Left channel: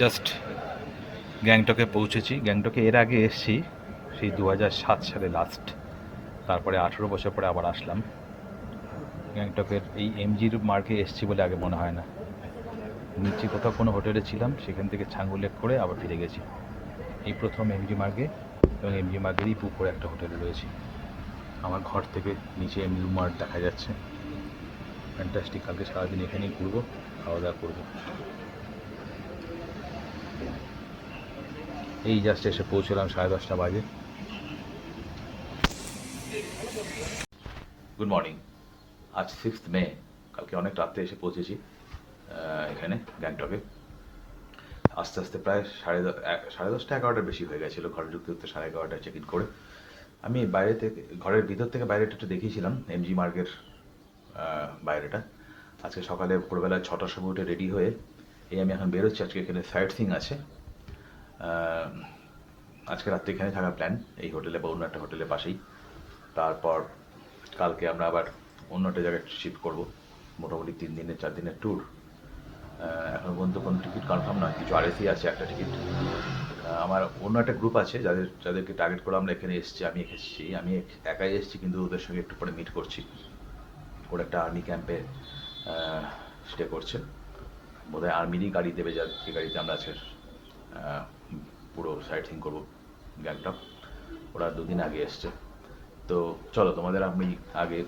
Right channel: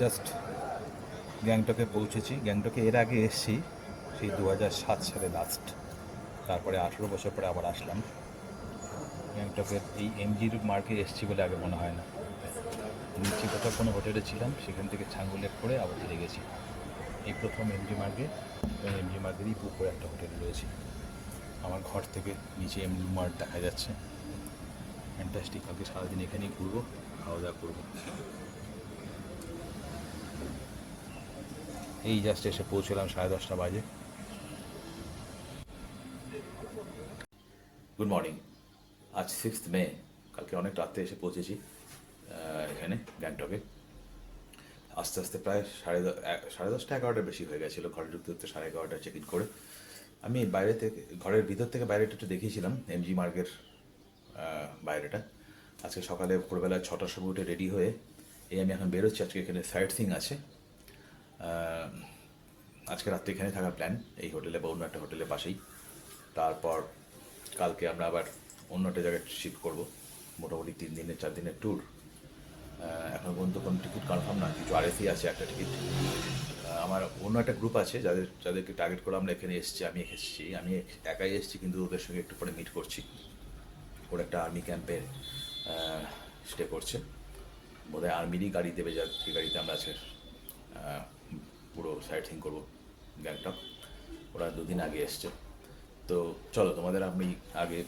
Just গ্যাংটকে পৌঁছেছি। গ্যাংটকে এর আগে এসেছি সেই দু সাত সালে লাস্ট তারপরে আঠেরো বছর পরে আবার আসলাম। গ্যাংটকের এই এমজির মার্কে এসেছি বলে আগে মনে হয় না। নিচে কোথাও কোনো হোটেলে ছিলাম, সেখান থেকে ছাঙ্গুলেট করে আবার ফিরে গেছি। এই প্রথম এমজি মার্গে এবং এমজি মার্গেরই পুকুরে একটা হোটেলে রয়েছে। আমার ঘর থেকে নিচে এমলু মার্ট দেখা যাচ্ছে। ফ্যান্টাস্টিক কালকে সারাদিন এখানেই ঘুরবো, খাওয়া দাওয়া করব। এই জাস্ট এসে পৌঁছলাম সাড়ে দশটা বাজে। গুড মর্নিং আজ সিক্সথ মে কালকে অনেক রাত্রে এসে পৌঁছেছি এখানে গ্যাংটকে আস্তে আস্তে প্রায় সাড়ে সাড়ে দশটা এগারোটা বেশি হয়ে গেছিল, ঘরে ঢুকতে ঢুকতে সাড়ে এগারোটায় চেক ইন করে। আমি বাইরে থেকে, ঘরের ভিতর থেকে বাইরেটা একটু দেখিয়েছিলাম এমজি মার্গের বাইরেটা। আজকে সকালে ভোরবেলা ছটার সময় উঠে রেডি হয়ে এই আমি এখন বেরোচ্ছি, আজকে এখানে সাইট সিং আছে। আজকে রাত্রে এখানে থাকার প্ল্যান এই হোটেলে বা অন্য একটা হোটেলের পাশেই। তারপর কালকে আমরা আবার অন্য একটা জায়গায় শিফট করব, মোটামুটি তিন দিনের, চার দিনের ট্যুর এখন পর্যন্ত কোনো টিকিট কনফার্ম না কিছু আরএসি আছে একটা টিকিট আমার অন্য একটা গ্রুপ আছে, যাদের, যাদেরকে টার্গেট করে আমরা এখানে এসেছি, আমি এসেছি, আমি একাই এসেছি, কিন্তু ওদের সঙ্গে একটু পরে মিট করছি। ওরা একটা আর্মি ক্যাম্পে স্টে করছে। বোধহয় আর্মিরই গাড়ি দেবে যা যে গাড়িতে আমরা আজকে পুরো সাইট সিং করব গ্যাংটক ওরা দুদিন আগে এসছে। তো চলো, তোমাদের আমি আগে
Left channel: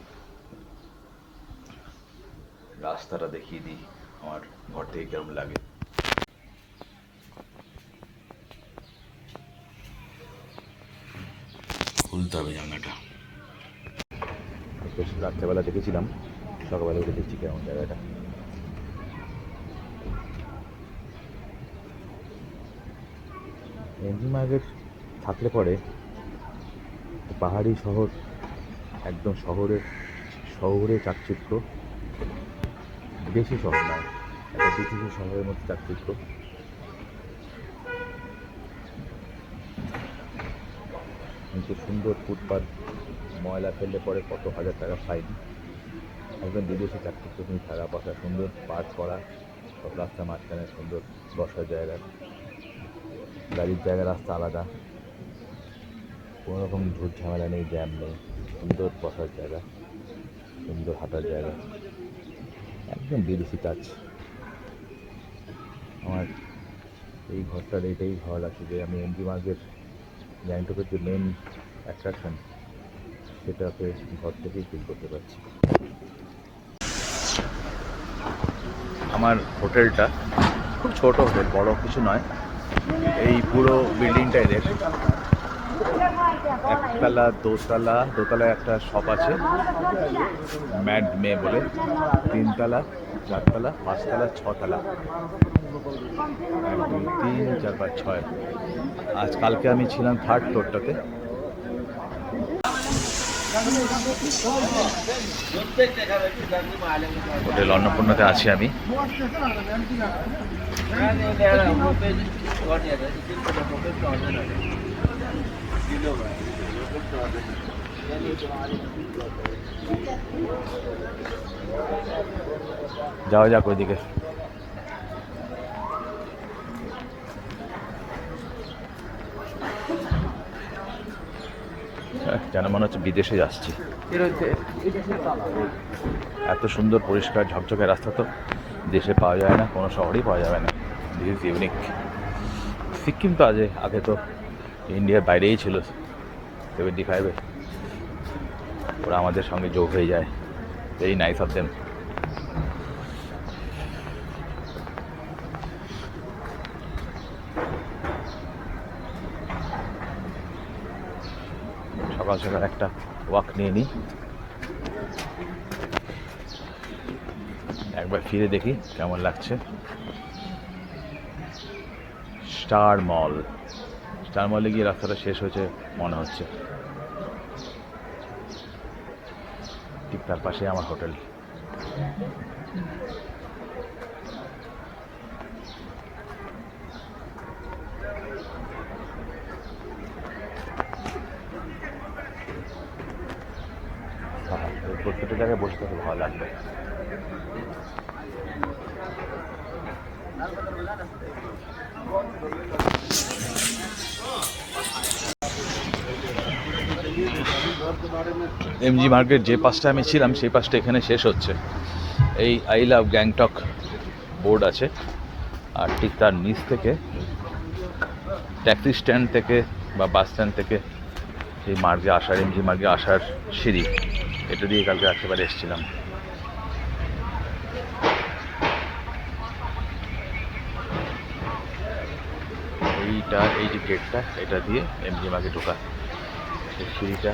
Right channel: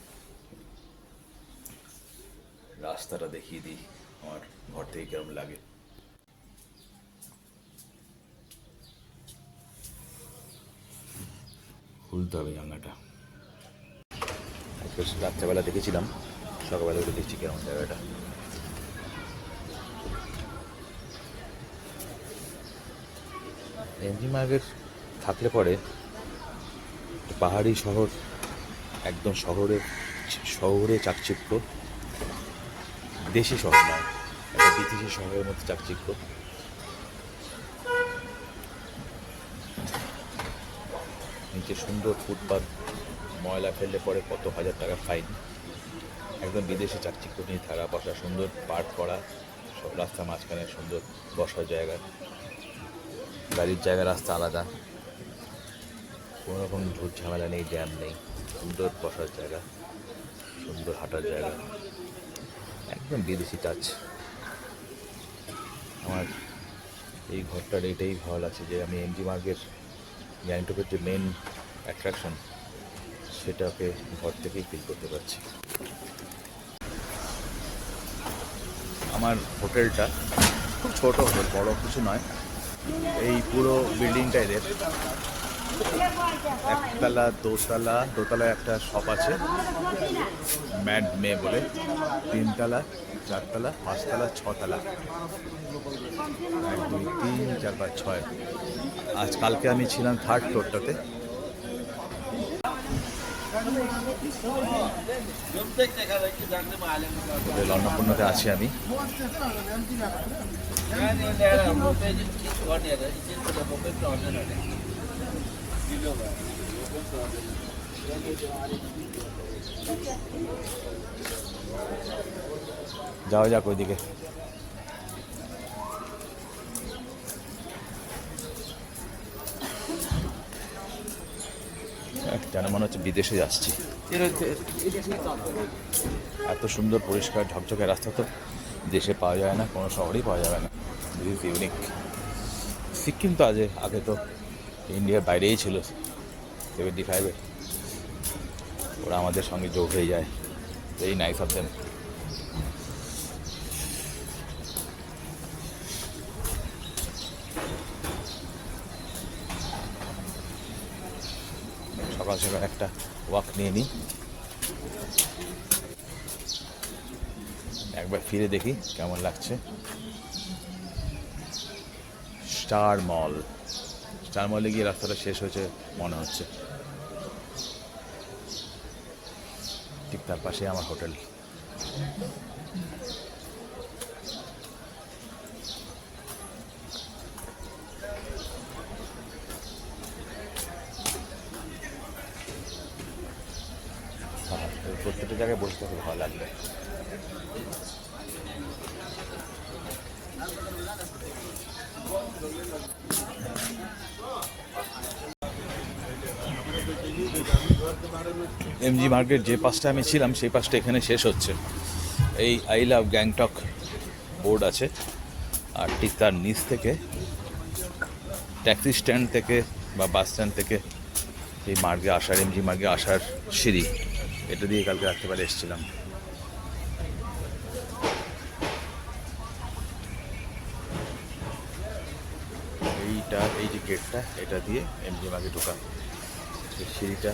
রাস্তাটা দেখিয়ে দিই, আমার ঘর থেকে কেমন লাগে। খুলতে হবে বেশ, রাত্রেবেলা দেখেছিলাম, সকালবেলা দেখেছি কেমন জায়গাটা। এমজি মার্গের থাকলে পরে পাহাড়ি শহর, একদম শহরে শহরে চাকচিক্য, দেশি শহর নয়, একটা বিদেশি শহরের মধ্যে চাকচিক্য। নিচে সুন্দর ফুটপাত, ময়লা ফেললে পরে কত হাজার টাকা ফাইন। একদম বিদেশি চাকচিক্য নিয়ে থাকা বসা সুন্দর পার্ক করা, সব রাস্তা মাঝখানে সুন্দর বসার জায়গা। গাড়ির জায়গা রাস্তা আলাদা। কোনো রকম ঝুট ঝামেলা নেই, জ্যাম নেই। সুন্দর বসার জায়গা, সুন্দর হাঁটার জায়গা। একদম বিদেশি টাচ আমার এই ঘরটার এটাই ভালো লাগছে যে আমি এমজি মার্গের গ্যাংটকের যে মেন অ্যাট্রাকশন সেটাকে ঘর থেকেই ফিল করতে পারছি। আমার হোটেলটা খুব ছোট হোটেল, বড় কিছু নয়। এই পুরো বিল্ডিংটা এদের একতলা, দোতলা দোতলা একটা শপ আছে। ম্যাড মে বলে। তিনতলা, চারতলা, পাঁচতলা, ছতলা। তিন, চার, পাঁচ, ছয়। আজ কালকে আমি ছিলাম থার্ড ফ্লোরটাতে হোটেল অন্নপূর্ণাতে আছি আমি। যাওয়া যাক ওইদিকে যেন মনে হচ্ছে বিদেশে যাচ্ছি? এত সুন্দর পরিষ্কার ঝকঝকে রাস্তা তো দেশে পাওয়া যায় না, কোনো শহরেই পাওয়া যাবে না। ইজ ইউনিক সিকিম তো আগে আগে তো ইন্ডিয়ার বাইরেই ছিল। সেভেন্টি ফাইভে ওরা আমাদের সঙ্গে যোগ হয়ে যায়। ভেরি নাইস অফ দেম সকাল সকাল একটা ওয়াক নিয়ে নিই। একবার ফিরে দেখি কেমন লাগছে। স্টার মল। স্টার মলে গিয়ে রাস্তাটা শেষ হয়েছে, মনে হচ্ছে। ঠিক তার পাশে আমার হোটেল। এমজি মার্কেট যে পাশটা আমি ছিলাম, সেই পাশটা এখানে শেষ হচ্ছে। এই আই লাভ গ্যাংটক বোর্ড আছে। আর ঠিক তার নিচ থেকে ট্যাক্সি স্ট্যান্ড থেকে বা বাস স্ট্যান্ড থেকে এই মার্গে আসার এমজি মার্গে আসার সিঁড়ি। এটা দিয়ে কালকে রাত্রিবারে এসেছিলাম। এইটা, এই যে গেটটা এটা দিয়ে এমজি মার্গে ঢোকা। সিঁড়িটা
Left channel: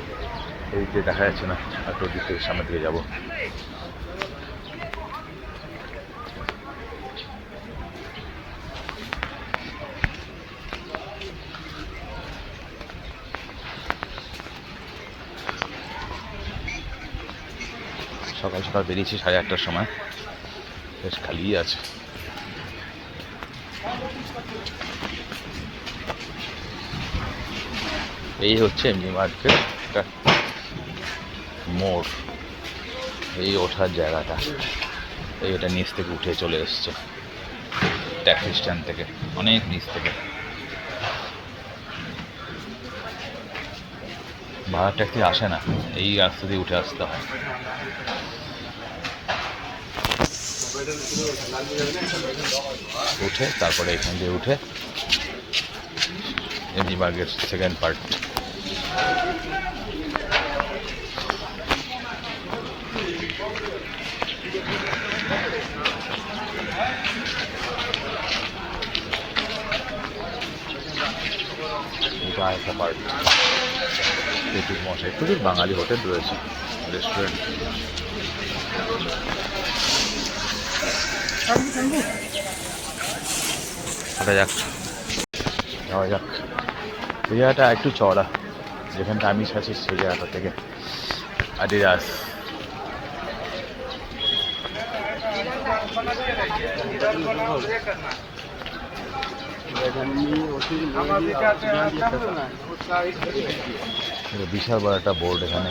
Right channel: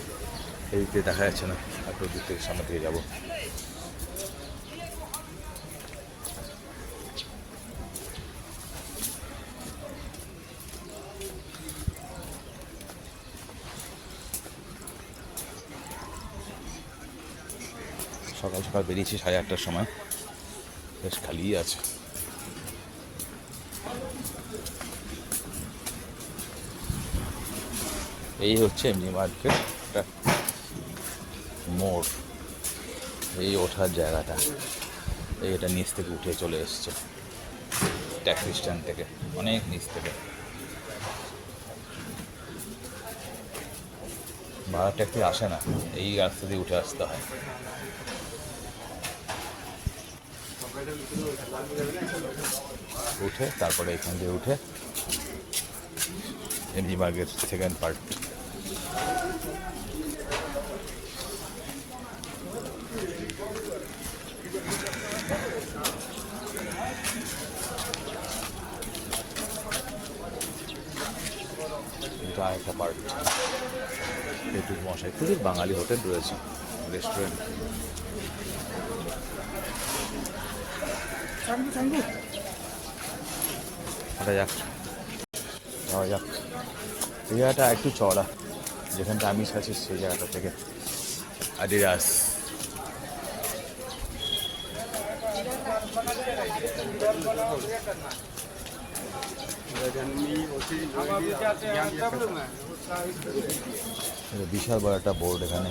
দিকে দেখা যাচ্ছে না একটু ওদিক থেকে সামনে দিকে যাব। সকাল সকাল বেরিয়েছি সাড়ে আটটার সময়। বেশ খালিই আছে। এই হচ্ছে এমনি মার্কেট মোড়। এই ওঠার জায়গাটা। এই এটা নিচ থেকে উঠে চলে এসছে। ট্যাক্সি স্ট্যান্ড থেকে। অনেক নিচ থেকে। ভাড়া ট্যাক্সি আসে না। এই রাস্তা দিয়ে উঠে আসতে হয়। উঠে, তারপরে এখান দিয়ে উঠে। এমজি মার্কেট সেকেন্ড পার্ট এটা প্রচুর বাঙালি হোটেল রয়েছে রেস্টুরেন্ট ওটা যাক যাওয়া যাক একটু চড়া যেখানটা আমি আছি সেই জায়গাটা থেকে আডিডাস বিশাল বড় একটা বোর্ড এখানে।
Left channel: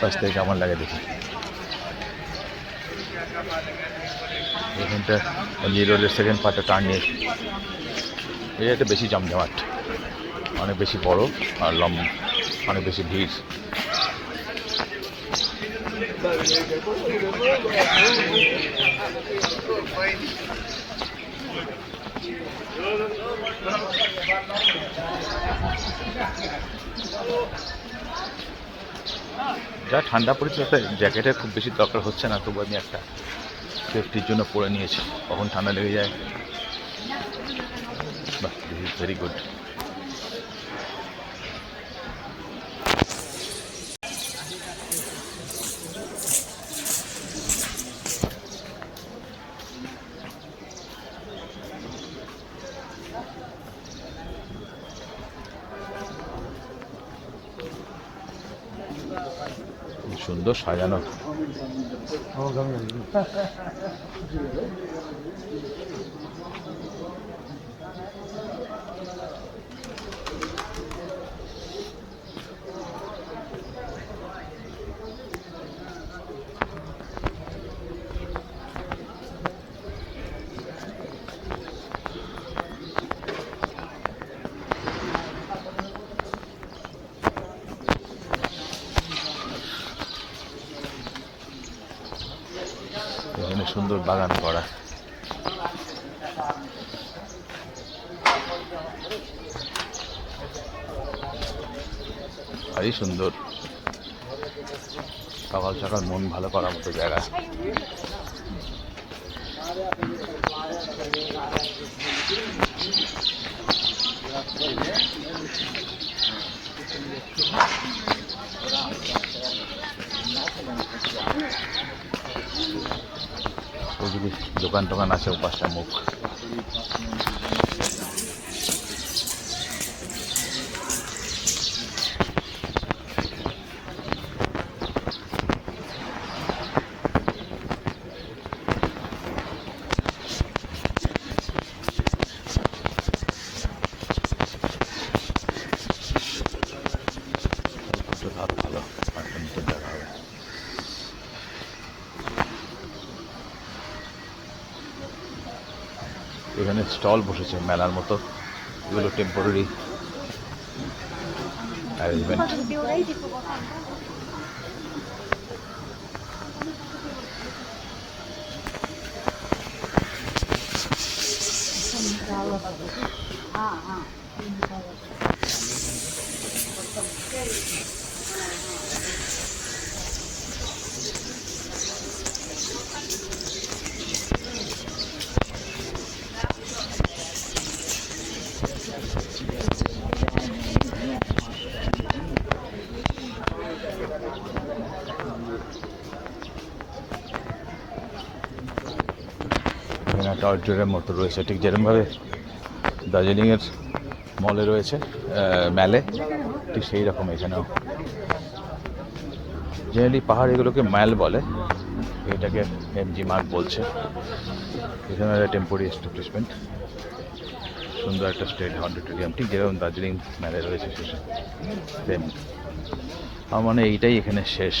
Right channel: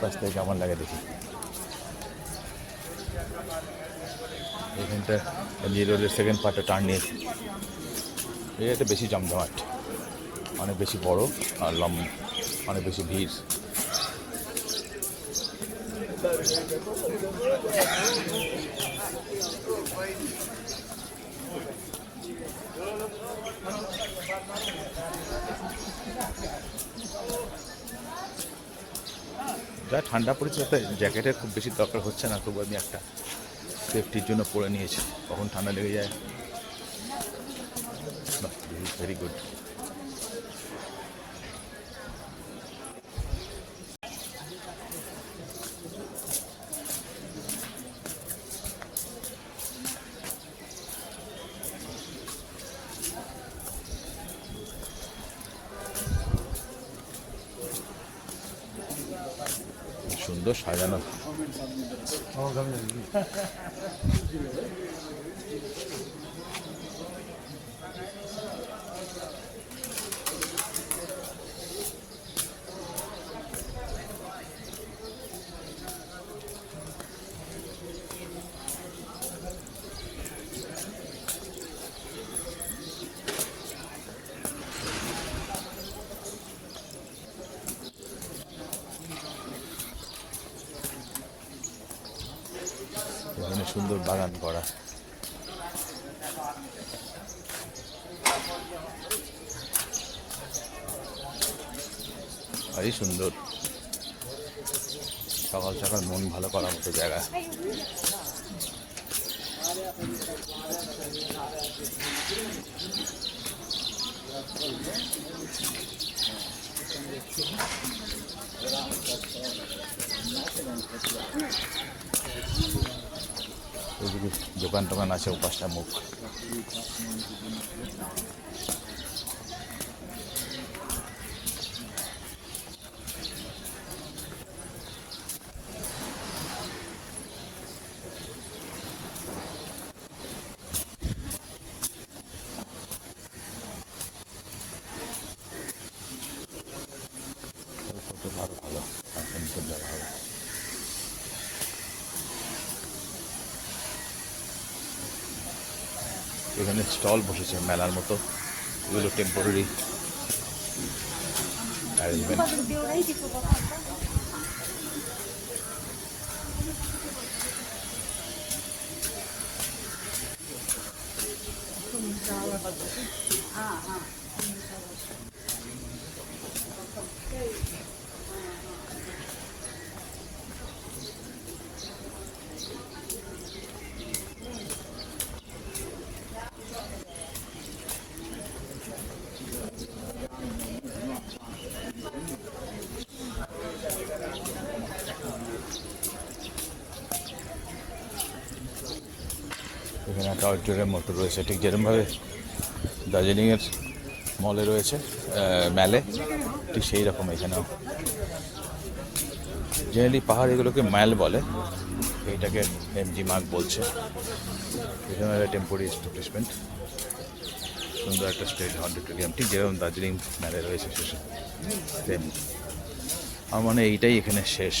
পাশ থেকে কেমন লাগে দেখি এখানটা রোডের সেকেন্ড পার্টটা টার্ন নিয়েছে। এই একটা বেশি জমজমাট। অনেক বেশি বড় আর লম্ব, অনেক বেশি ভিড়। যা ঠান্ডা পড়েছে তাতে জ্যাকেটের খুব বেশি দরকার হচ্ছে না, তবু আমি একটা সেফটির জন্য পরে নিয়েছি। কখন ঠান্ডা লেগে যায়? ভেরি গুড বাগান করা। ভারী সুন্দর। সকাল সকাল মন ভালো করার মতো জায়গা। দোকান টোকান আছে ওপাশটা মুখ Stall বসেছে মেলার মতো। এগুলো টেম্পোরারি অ্যারেঞ্জমেন্ট একটা অডিটোরিয়াম মতো রয়েছে। ঠিক যেরকমভাবে দার্জিলিংয়ের মলে রয়েছে ম্যালে ঠিক সেই রকম এখানেও। জেনারেলি পাহাড় এগুলোকে ম্যাল বলে, এটাকে এমজি মার্ক বলছে। এখানে একটা টেম্পোরারি এস্টাবলিশমেন্ট সুন্দর একটা স্টেট অডিটোরিয়াম ঠিক যেরকম দার্জিলিং ম্যালে রয়েছে শেষে। আমার মানে এইটাই এখানে শেষ।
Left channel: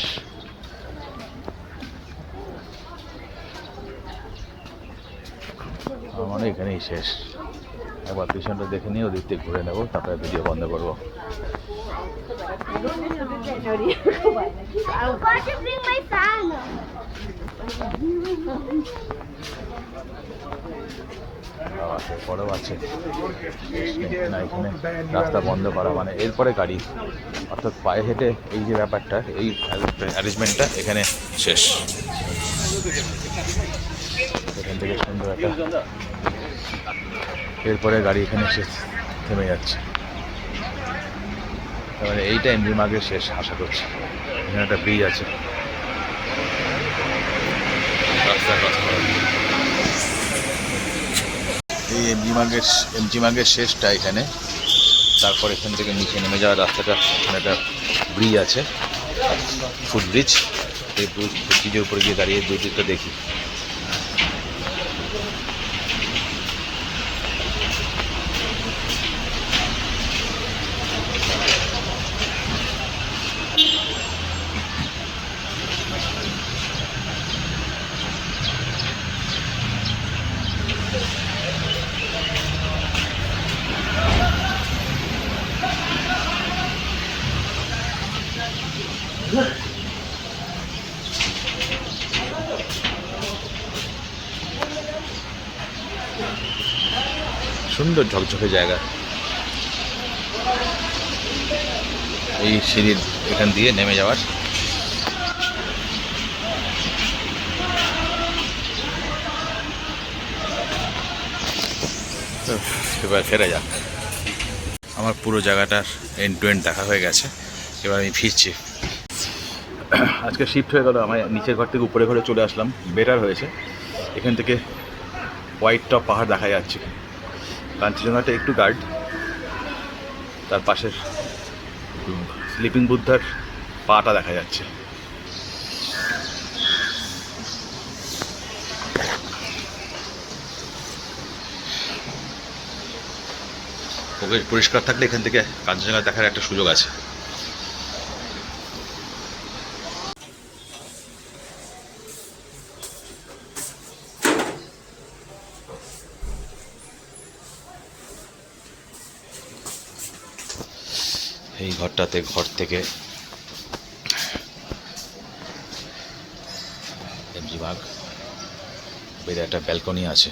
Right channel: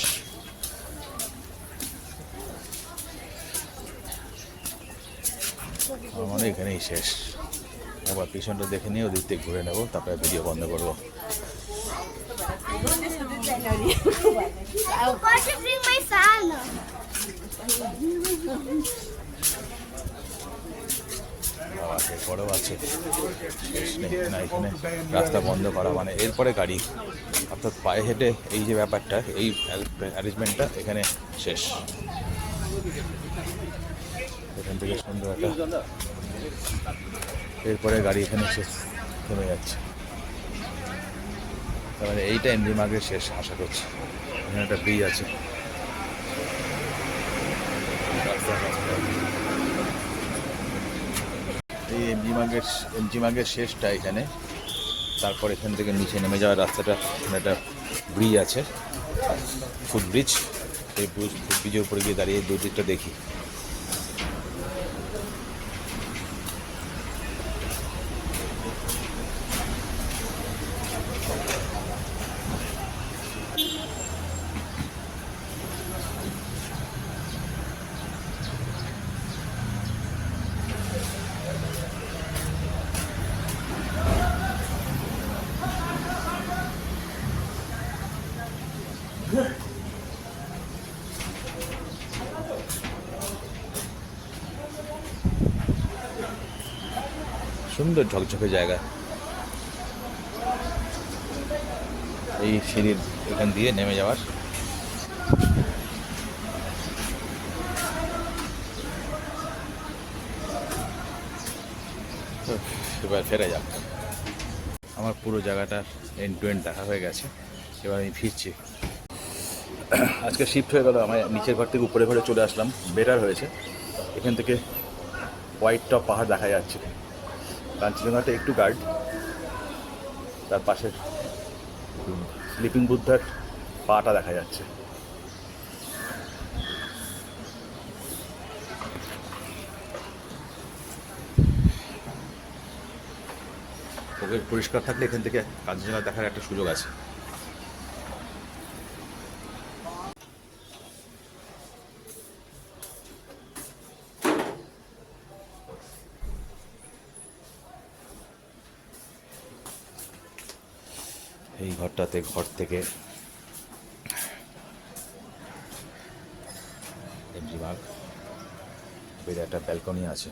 এখানেই শেষ। একবার পিছনটা দেখে নিয়ে ওদিক থেকে ঘুরে নেব, তারপরে ভিডিও বন্ধ করব. পরেও আছে এখানে রাস্তা বন্ধ করা মানে এরপরে গাড়ি। অর্থাৎ পায়ে হেঁটে এই যে ব্যাপারটা, এই অ্যারেঞ্জমেন্টটা এখানে শেষ। এখান থেকে সুন্দর একটা এরপরে গাড়ি এখানে এসে থেমে যাচ্ছে। মানে এইটা এমনি মাগের শেষ, আশা করছি। এখানে একটা ব্রিজ আছে। এই এমজি মার্গের এমজি মার্গের শেষটা এখানে। তারপর এখান থেকে নিচে নেমে যাওয়ার রাস্তাটা, এখানে একটা ব্রিজ আছে। ফুট ব্রিজ এই ব্রিজ ব্রিজের উপরে গিয়ে দাঁড়িয়ে দুই দিকটা দেখি। সুন্দর ঝকঝকে জায়গা। এই সিঁড়ির এখান দিয়ে নেমে যাওয়ার। এবার ফেরা যাক। আমার পুরো জায়গাটার এন্ড টু এন্ড দেখা হয়ে গেছে। এবার আমি ফিরছি। আজকে শিফট হয়ে গেল, আমার নিচের ঘর থেকে উপরে ঘরে চলে আসলাম। বেটার হয়েছে। এখান থেকে হোয়াইট টপ পাহাড় দেখা যাচ্ছে। কাঞ্চনজঙ্ঘাটা একটু গার্ড তার পাশের স্লিপিং বুদ্ধার পাটা দেখা যাচ্ছে। পরিষ্কার থাকলে এখান থেকে কাঞ্চনজঙ্ঘা দেখার একটা সুযোগ আছে এই ঘরটাতে ঘর থেকে। এমজি বাগ। বেড়ে একটা ব্যালকনি আছে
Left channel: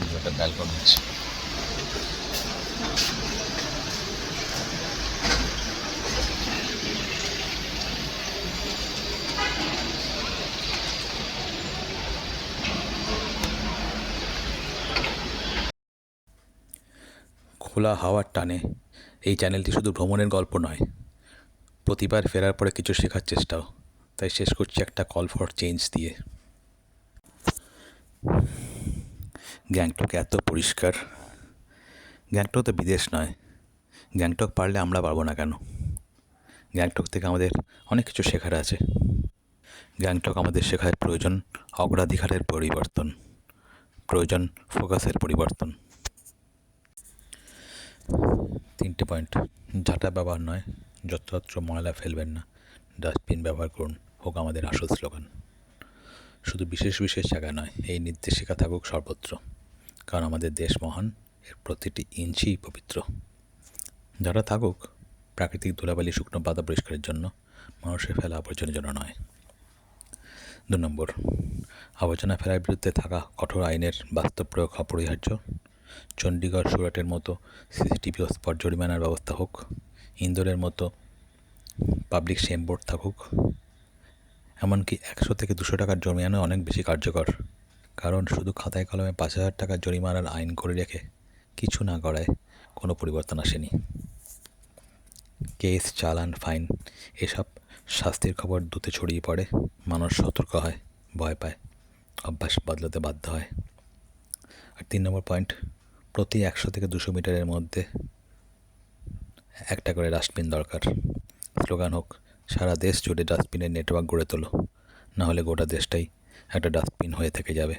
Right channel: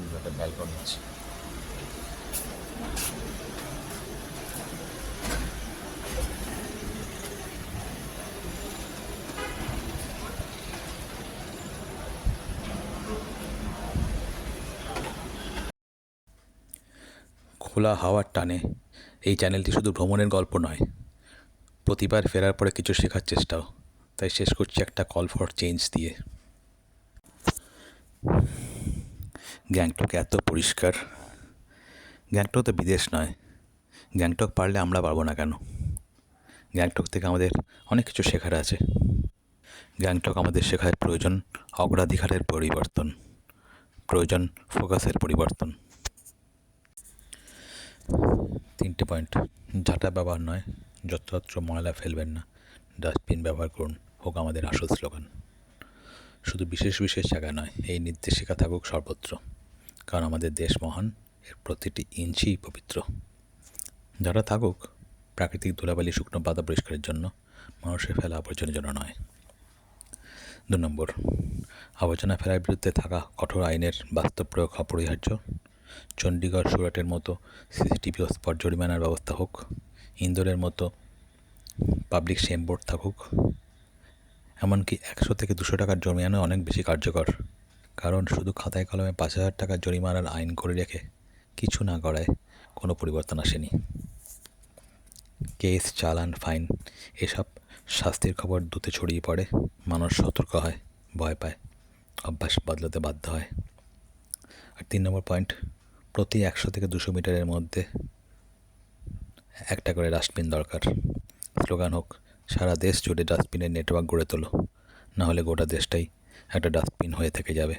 এই যে একটা ব্যালকনি আছে খোলা হাওয়ার টানে, এই চ্যানেলটি শুধু ভ্রমণের গল্প নয়, প্রতিবার ফেরার পরে কিছু শেখার চেষ্টাও, তাই শেষ করছি একটা কল ফর চেঞ্জ দিয়ে। গ্যাংটক এত পরিষ্কার? গ্যাংটক তো বিদেশ নয়, গ্যাংটক পারলে আমরা পারব না কেন? গ্যাংটক থেকে আমাদের অনেক কিছু শেখার আছে। গ্যাংটক আমাদের শেখার প্রয়োজন অগ্রাধিকারের পরিবর্তন, প্রয়োজন ফোকাসের পরিবর্তন। তিনটে পয়েন্ট। ঝাঁটা ব্যবহার নয়, যত্রতত্র ময়লা ফেলবেন না। ডাস্টবিন ব্যবহার করুন, হোক আমাদের আসল স্লোগান। শুধু বিশেষ বিশেষ জায়গা নয়, এই নির্দেশিকা থাকুক সর্বত্র, কারণ আমাদের দেশ মহান, এর প্রতিটি ইঞ্চি পবিত্র। যারা থাকুক, প্রাকৃতিক ধুলাবালি শুকনো পাতা পরিষ্কারের জন্য, মানুষের ফেলা আবর্জনার জন্য নয়। দু নম্বর, আবর্জনা ফেলার বিরুদ্ধে থাকা কঠোর আইনের বাস্তব প্রয়োগ অপরিহার্য। চণ্ডীগড় সুরাটের মতো সিসিটিভি স্পট জরিমানার ব্যবস্থা হোক, ইন্দোরের মতো পাবলিক শেম বোর্ড থাকুক। এমনকি একশো থেকে দুশো টাকার জরিমানা অনেক বেশি কার্যকর, কারণ শুধু খাতায় কলমে পাঁচ হাজার টাকার জরিমানার আইন করে রেখে কিছু না করায় কোনো পরিবর্তন আসেনি। কেস, চালান, ফাইন এসব শাস্তির খবর দ্রুত ছড়িয়ে পড়ে, মানুষ সতর্ক হয়, ভয় পায়, অভ্যাস বদলাতে বাধ্য হয়। আর তিন নম্বর পয়েন্ট প্রতি একশো থেকে দুশো মিটারের মধ্যে একটা করে ডাস্টবিন দরকার। স্লোগান হোক, সারা দেশ জুড়ে ডাস্টবিনের নেটওয়ার্ক গড়ে তোলো। নাহলে গোটা দেশটাই একটা ডাস্টবিন হয়ে থেকে যাবে।